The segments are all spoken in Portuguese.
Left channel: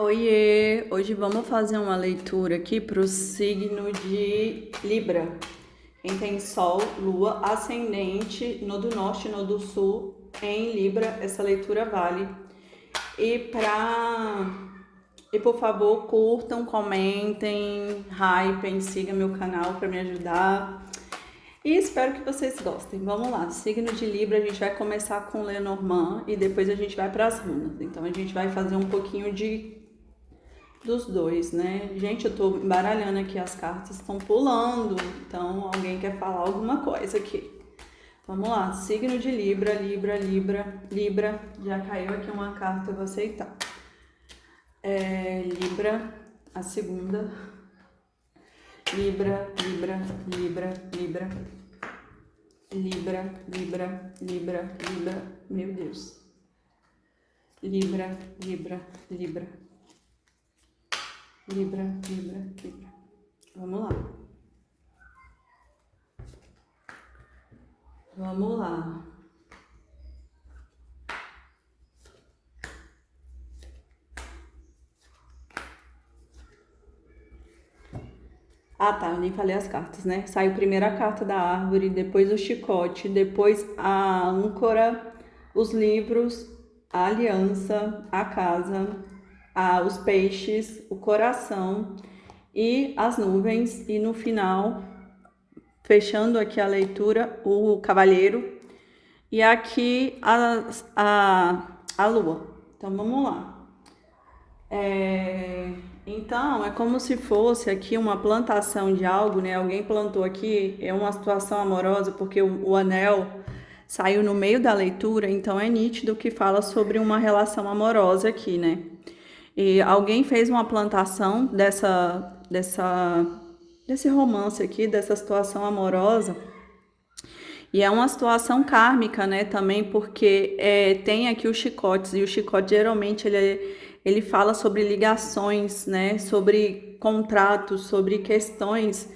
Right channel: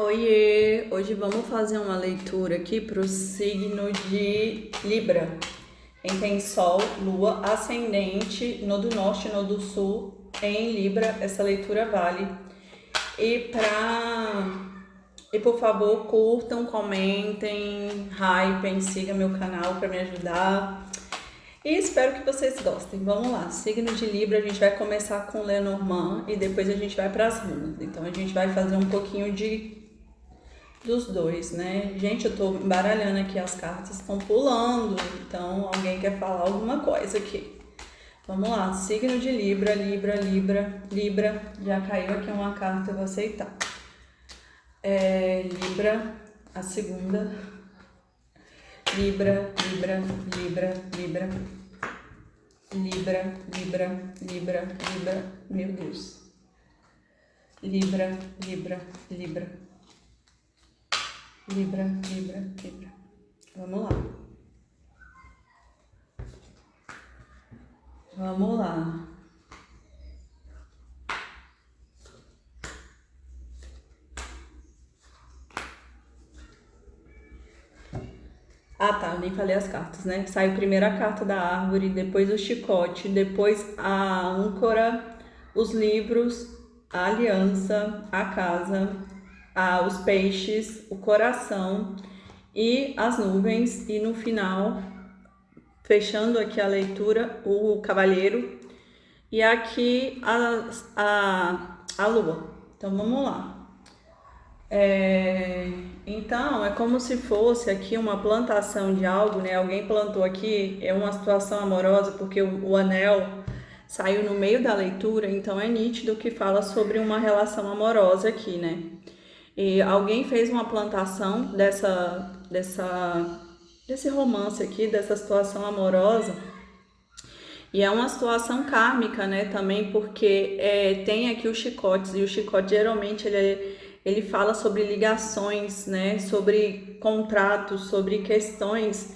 Oiê! Hoje vamos fazer uma leitura aqui para o signo de Libra. Quem tem Sol, Lua, Ascendente no do Norte e no do Sul em Libra, essa leitura vale. E por favor, curtam, comentem, hypem, sigam meu canal para me ajudar. E espero que vocês gostem. Vamos lá, signo de Libra, a gente vai começar com Lenormand e depois a gente vai para as runas. Então a gente vai fazer um pouquinho dos dois, né? Gente, eu tô embaralhando aqui, as cartas estão pulando, então alguém quer falar alguma coisa aqui. Vamos lá, signo de Libra, Libra, já caiu aqui uma carta, eu vou aceitar. Libra, a segunda. Libra, meu Deus. Libra. Vamos lá. Vamos lá. Ah, tá, eu nem falei as cartas, né? Saiu primeiro a carta da árvore, depois o chicote, depois a âncora, os livros, a aliança, a casa, os peixes, o coração e as nuvens. E no final, fechando aqui a leitura, o cavalheiro e aqui a lua. Então, vamos lá. Então, é como se fosse aqui uma plantação de algo, né? Alguém plantou aqui, é uma situação amorosa, porque o anel saiu no meio da leitura, então é nítido que fala sobre uma relação amorosa aqui, né? E alguém fez uma plantação desse romance aqui, dessa situação amorosa, e é uma situação kármica, né, também, porque tem aqui os chicotes, e o chicote geralmente ele fala sobre ligações, né, sobre contratos, sobre questões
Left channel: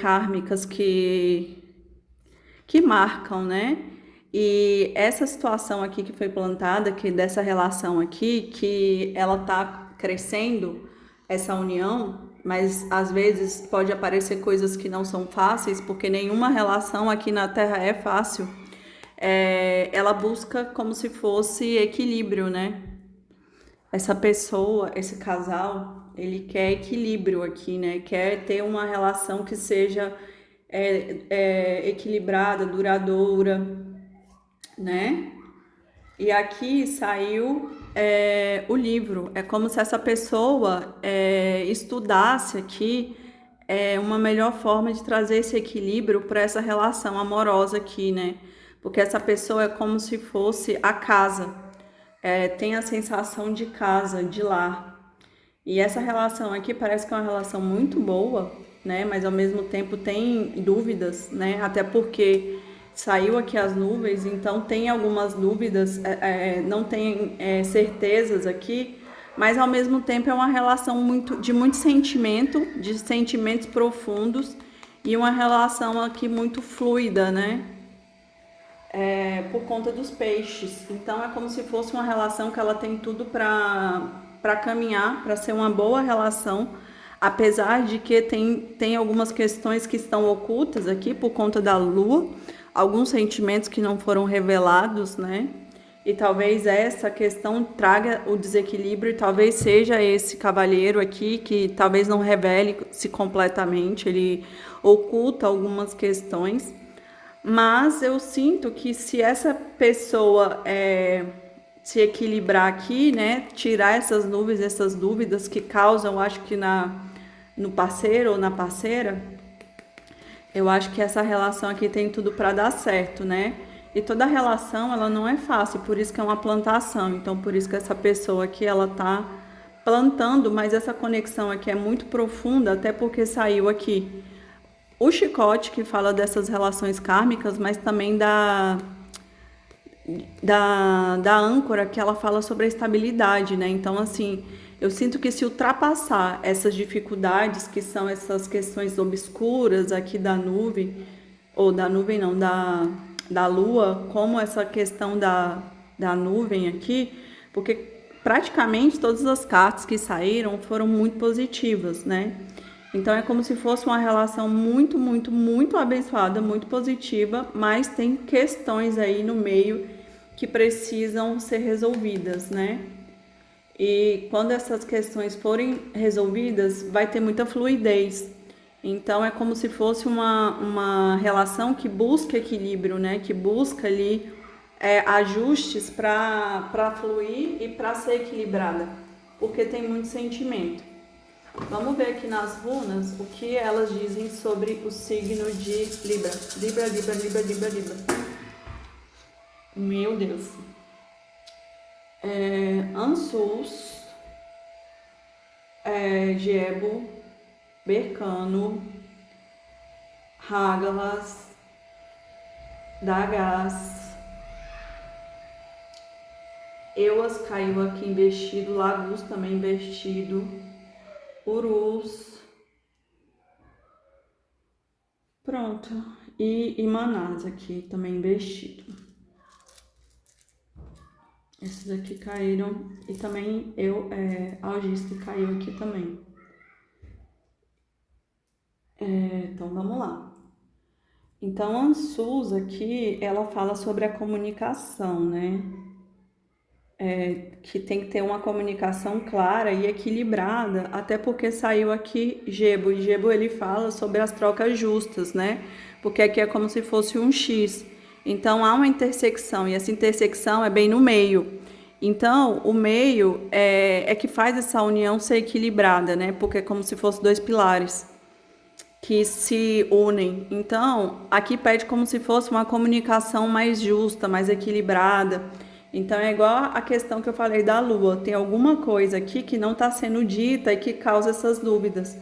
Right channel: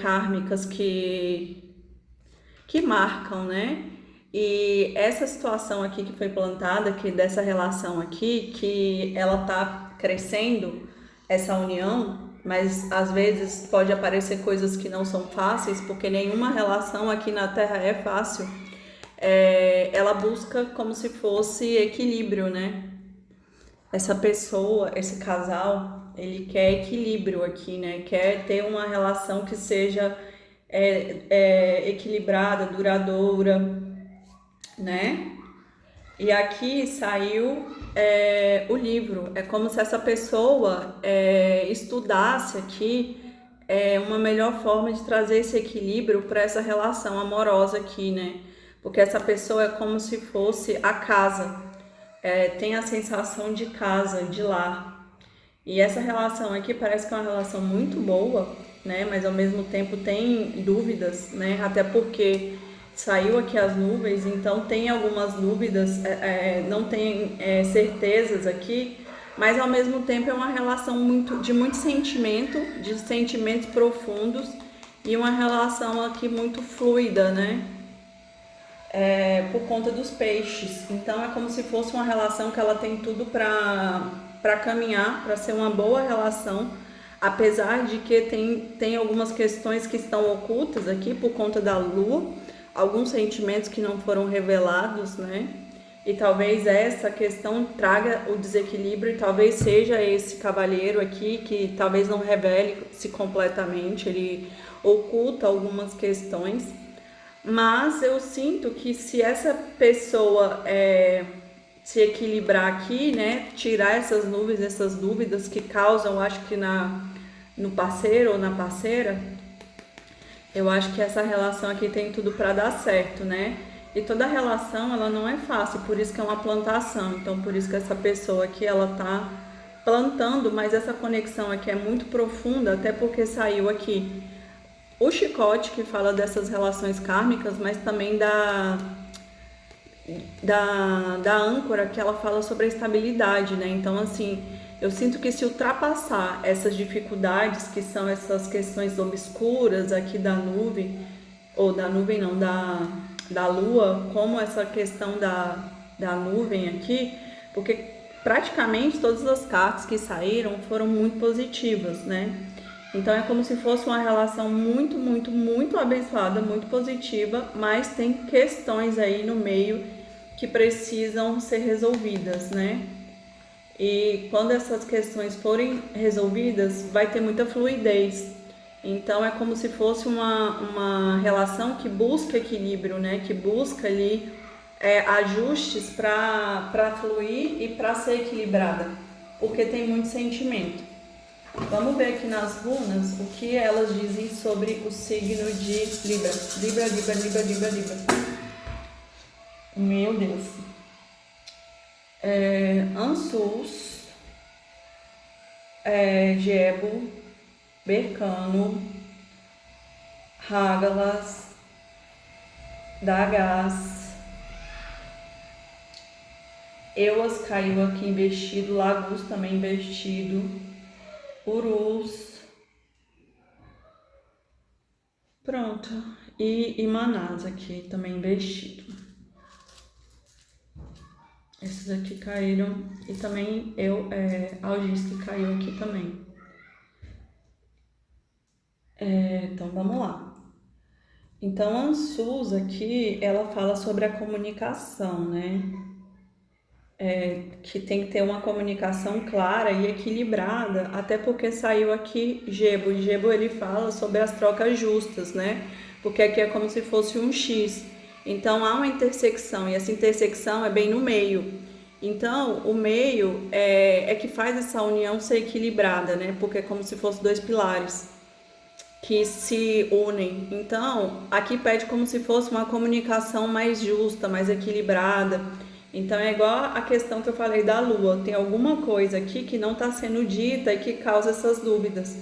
kármicas que marcam, né? E essa situação aqui que foi plantada, que dessa relação aqui, que ela tá crescendo, essa união, mas às vezes pode aparecer coisas que não são fáceis, porque nenhuma relação aqui na Terra é fácil. Ela busca como se fosse equilíbrio, né? Essa pessoa, esse casal, ele quer equilíbrio aqui, né? Quer ter uma relação que seja equilibrada, duradoura, né? E aqui saiu o livro. É como se essa pessoa estudasse aqui uma melhor forma de trazer esse equilíbrio para essa relação amorosa aqui, né? Porque essa pessoa é como se fosse a casa, tem a sensação de casa, de lar. E essa relação aqui parece que é uma relação muito boa, né? Mas ao mesmo tempo tem dúvidas, né? Até porque saiu aqui as nuvens, então tem algumas dúvidas, não tem certezas aqui, mas ao mesmo tempo é uma relação de muito sentimento, de sentimentos profundos e uma relação aqui muito fluida, né? Por conta dos peixes. Então é como se fosse uma relação que ela tem tudo para caminhar, para ser uma boa relação, apesar de que tem algumas questões que estão ocultas aqui por conta da lua, alguns sentimentos que não foram revelados, né? E talvez essa questão traga o desequilíbrio, e talvez seja esse cavalheiro aqui que talvez não revele-se completamente, ele oculta algumas questões. Mas eu sinto que se essa pessoa se equilibrar aqui, né, tirar essas nuvens, essas dúvidas que causam, acho que no parceiro ou na parceira, eu acho que essa relação aqui tem tudo para dar certo, né? E toda relação, ela não é fácil, por isso que é uma plantação. Então, por isso que essa pessoa aqui, ela tá plantando, mas essa conexão aqui é muito profunda, até porque saiu aqui o chicote, que fala dessas relações kármicas, mas também da âncora, que ela fala sobre a estabilidade, né? Então, assim, eu sinto que se ultrapassar essas dificuldades, que são essas questões obscuras aqui da nuvem, ou da nuvem não, da lua, como essa questão da nuvem aqui, porque praticamente todas as cartas que saíram foram muito positivas, né? Então é como se fosse uma relação muito, muito, muito abençoada, muito positiva, mas tem questões aí no meio que precisam ser resolvidas, né? E quando essas questões forem resolvidas, vai ter muita fluidez. Então é como se fosse uma relação que busca equilíbrio, né? Que busca ali ajustes para fluir e para ser equilibrada, porque tem muito sentimento. Vamos ver aqui nas runas o que elas dizem sobre o signo de Libra. Libra, Libra, Libra, Libra, Libra. Meu Deus. Ansus, Gebo, Bercano, Hágalas, Dagas, Euas caiu aqui investido, Lagus também investido, Urus, pronto, e Manás aqui também investido. Esses aqui caíram e também Algis que caiu aqui também. Então vamos lá. Então a Ansus aqui, ela fala sobre a comunicação, né? Que tem que ter uma comunicação clara e equilibrada, até porque saiu aqui Gebo, e Gebo ele fala sobre as trocas justas, né? Porque aqui é como se fosse um X. Então há uma intersecção, e essa intersecção é bem no meio. Então o meio é que faz essa união ser equilibrada, né? Porque é como se fossem dois pilares que se unem. Então aqui pede como se fosse uma comunicação mais justa, mais equilibrada. Então é igual a questão que eu falei da Lua, tem alguma coisa aqui que não está sendo dita e que causa essas dúvidas.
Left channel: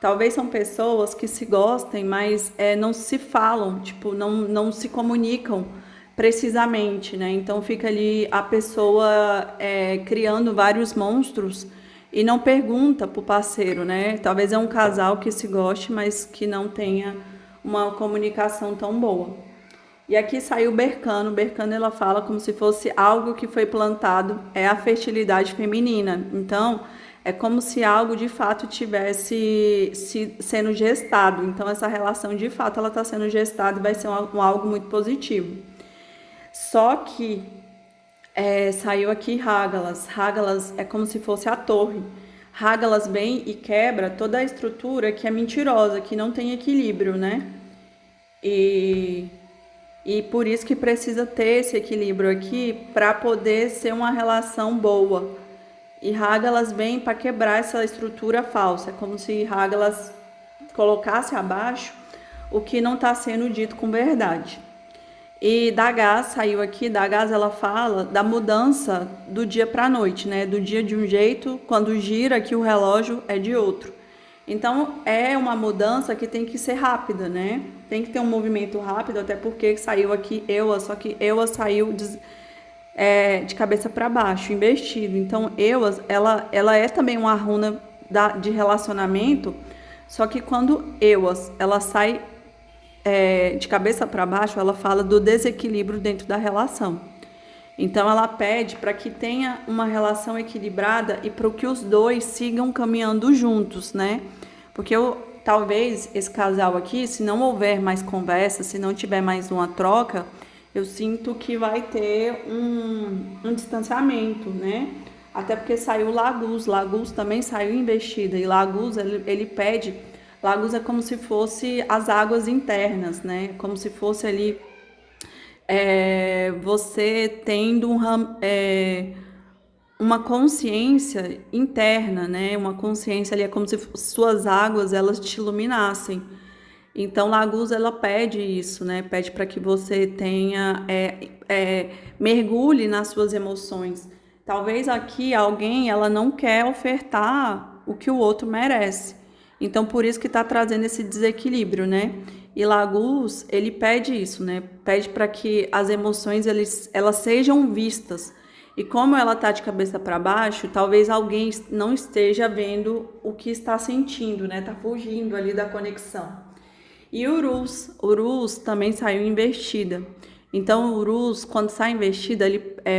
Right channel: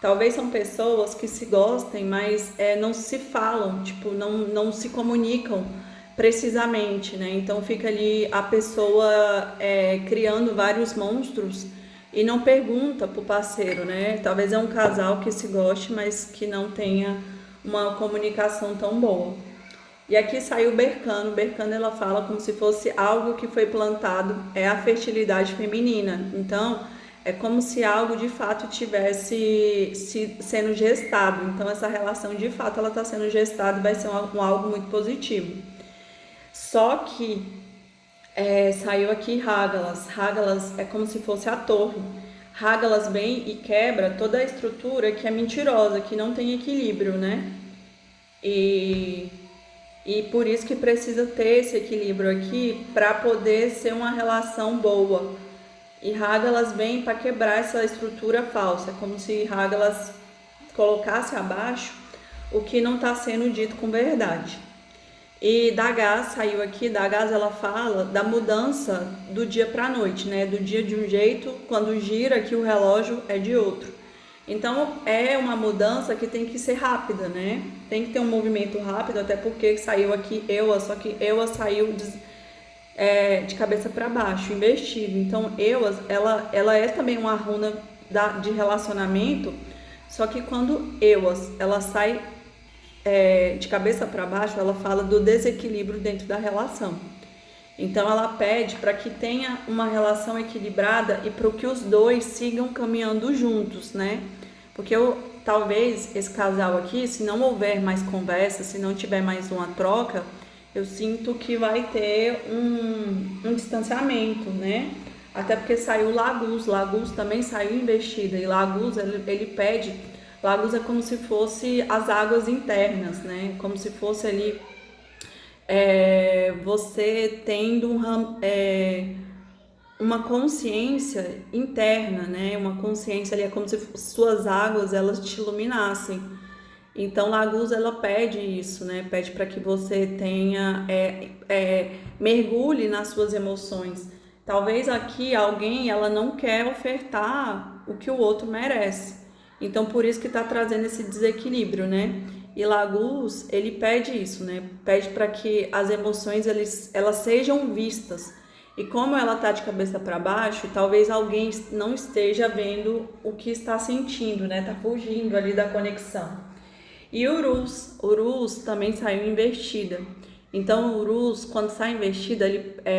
Talvez são pessoas que se gostem, mas não se falam, tipo, não se comunicam precisamente, né? Então fica ali a pessoa criando vários monstros e não pergunta pro parceiro, né? Talvez é um casal que se goste, mas que não tenha uma comunicação tão boa. E aqui saiu Bercano. Bercano ela fala como se fosse algo que foi plantado, é a fertilidade feminina. Então, é como se algo de fato tivesse sendo gestado. Então, essa relação de fato ela está sendo gestada e vai ser algo muito positivo. Só que saiu aqui Hágalas. Hágalas é como se fosse a torre. Hágalas vem e quebra toda a estrutura que é mentirosa, que não tem equilíbrio, né? E por isso que precisa ter esse equilíbrio aqui para poder ser uma relação boa. E Hágalas vem para quebrar essa estrutura falsa, é como se Hágalas colocasse abaixo o que não está sendo dito com verdade. E Dagas saiu aqui, Dagas ela fala da mudança do dia para a noite, né? Do dia de um jeito, quando gira aqui o relógio é de outro. Então é uma mudança que tem que ser rápida, né? Tem que ter um movimento rápido, até porque saiu aqui Eua, só que Eua saiu de cabeça para baixo, investido. Então Eua, ela é também uma runa de relacionamento, só que quando Eua, ela sai de cabeça para baixo, ela fala do desequilíbrio dentro da relação. Então ela pede para que tenha uma relação equilibrada e para que os dois sigam caminhando juntos, né? Porque talvez esse casal aqui, se não houver mais conversa, se não tiver mais uma troca, eu sinto que vai ter um distanciamento, né? Até porque saiu Lagus, Lagus também saiu investida, e Lagus ele pede, Lagus é como se fosse as águas internas, né? Como se fosse ali você tendo uma consciência interna, né? Uma consciência ali, é como se suas águas elas te iluminassem. Então, Lagus ela pede isso, né? Pede para que você tenha mergulhe nas suas emoções. Talvez aqui alguém ela não quer ofertar o que o outro merece. Então, por isso que está trazendo esse desequilíbrio, né? E Lagus, ele pede isso, né? Pede para que as emoções elas sejam vistas. E como ela tá de cabeça para baixo, talvez alguém não esteja vendo o que está sentindo, né? Tá fugindo ali da conexão. E Urus também saiu invertida. Então, o Urus, quando está investido,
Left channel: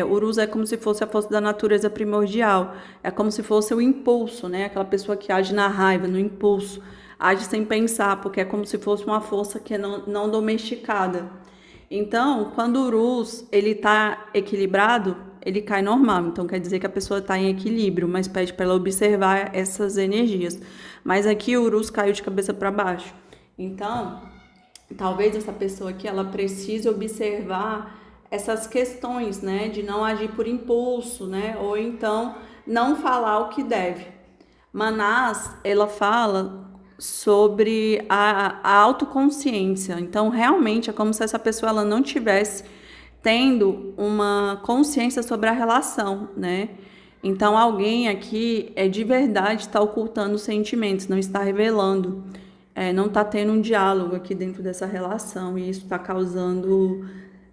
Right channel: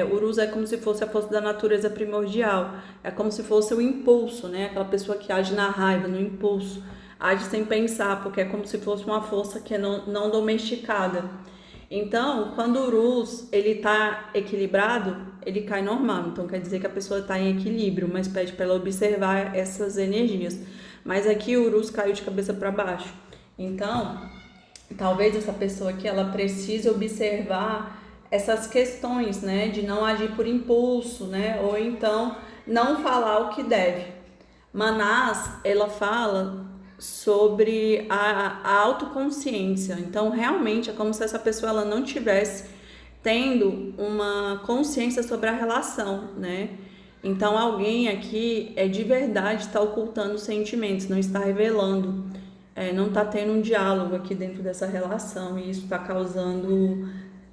Urus é como se fosse a força da natureza primordial. É como se fosse o impulso, né? Aquela pessoa que age na raiva, no impulso. Age sem pensar, porque é como se fosse uma força que é não domesticada. Então, quando o Urus ele está equilibrado, ele cai normal. Então, quer dizer que a pessoa está em equilíbrio, mas pede para ela observar essas energias. Mas aqui o Urus caiu de cabeça para baixo. Então, talvez essa pessoa aqui ela precise observar essas questões, né, de não agir por impulso, né, ou então não falar o que deve. Manás, ela fala sobre a autoconsciência. Então, realmente é como se essa pessoa ela não tivesse tendo uma consciência sobre a relação, né? Então, alguém aqui é de verdade está ocultando os sentimentos, não está revelando, não está tendo um diálogo aqui dentro dessa relação e isso está causando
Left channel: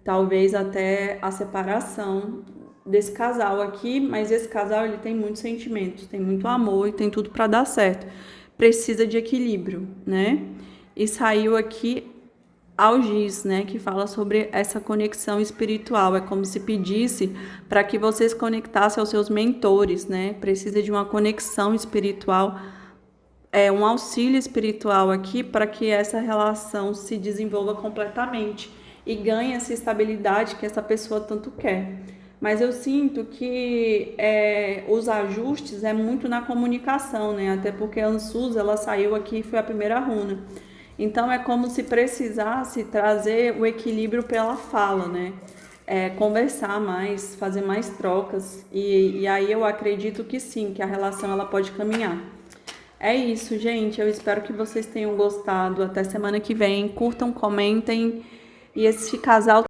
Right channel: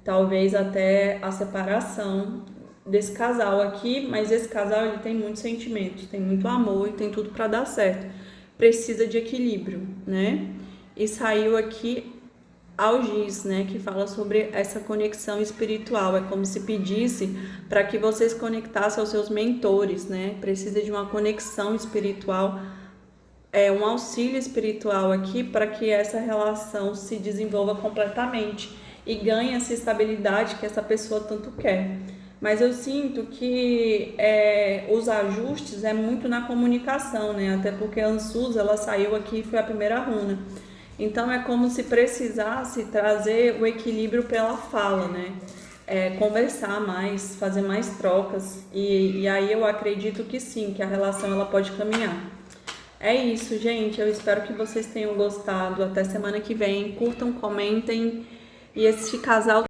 talvez até a separação desse casal aqui, mas esse casal ele tem muitos sentimentos, tem muito amor e tem tudo para dar certo. Precisa de equilíbrio, né? E saiu aqui Algis, né, que fala sobre essa conexão espiritual. É como se pedisse para que vocês conectassem aos seus mentores, né? Precisa de uma conexão espiritual, um auxílio espiritual aqui para que essa relação se desenvolva completamente e ganhe essa estabilidade que essa pessoa tanto quer. Mas eu sinto que os ajustes é muito na comunicação, né? Até porque a Ansuz, ela saiu aqui e foi a primeira runa. Então é como se precisasse trazer o equilíbrio pela fala, né? Conversar mais, fazer mais trocas. E aí eu acredito que sim, que a relação ela pode caminhar. É isso, gente. Eu espero que vocês tenham gostado. Até semana que vem. Curtam, comentem. E esse casal